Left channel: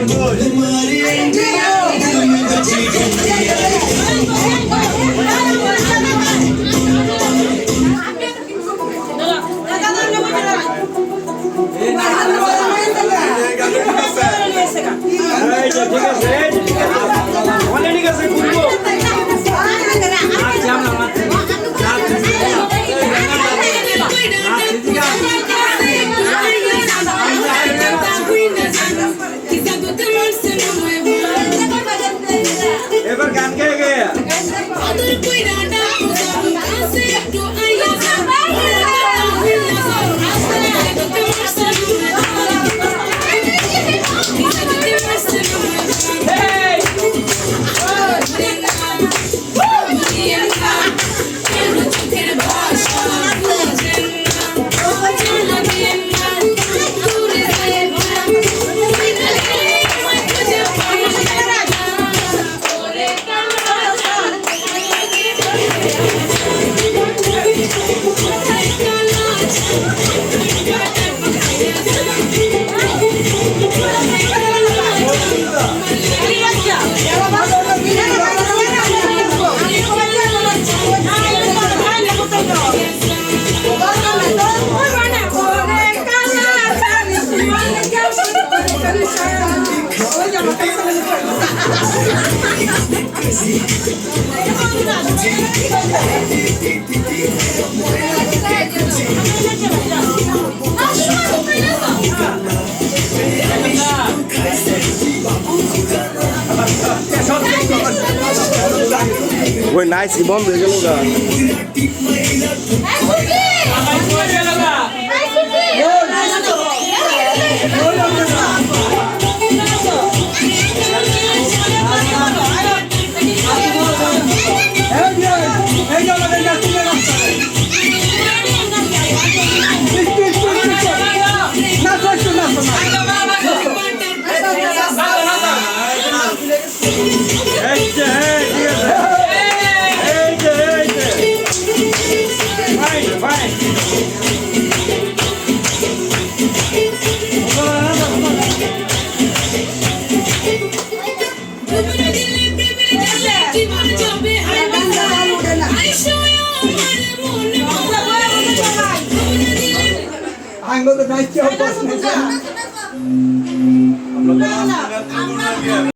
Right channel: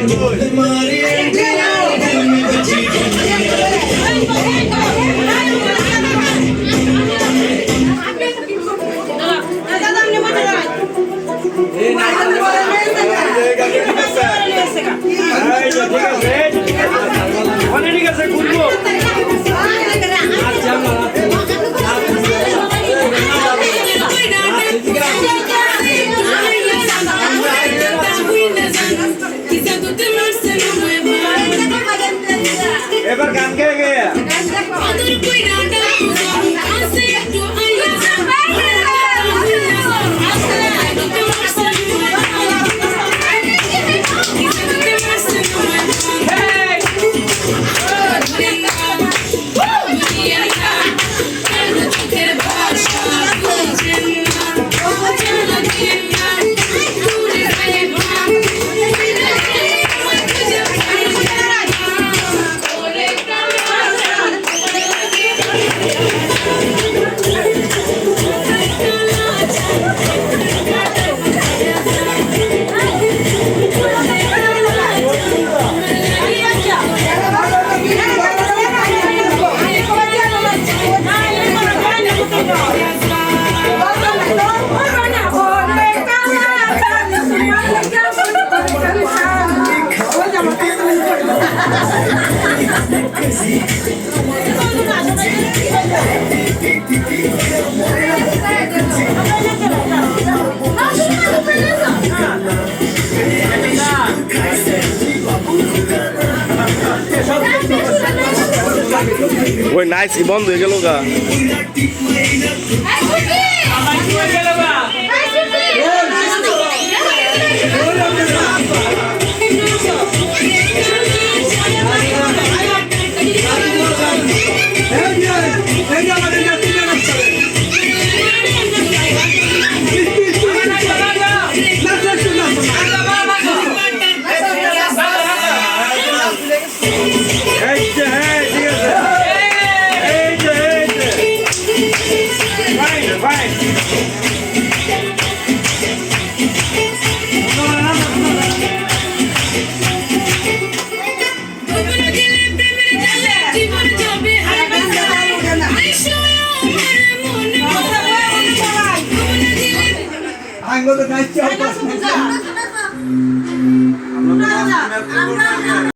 Good morning. ওই nice বন্ধ হয়ে গেল গা আঙ্গুল দায়িত্ব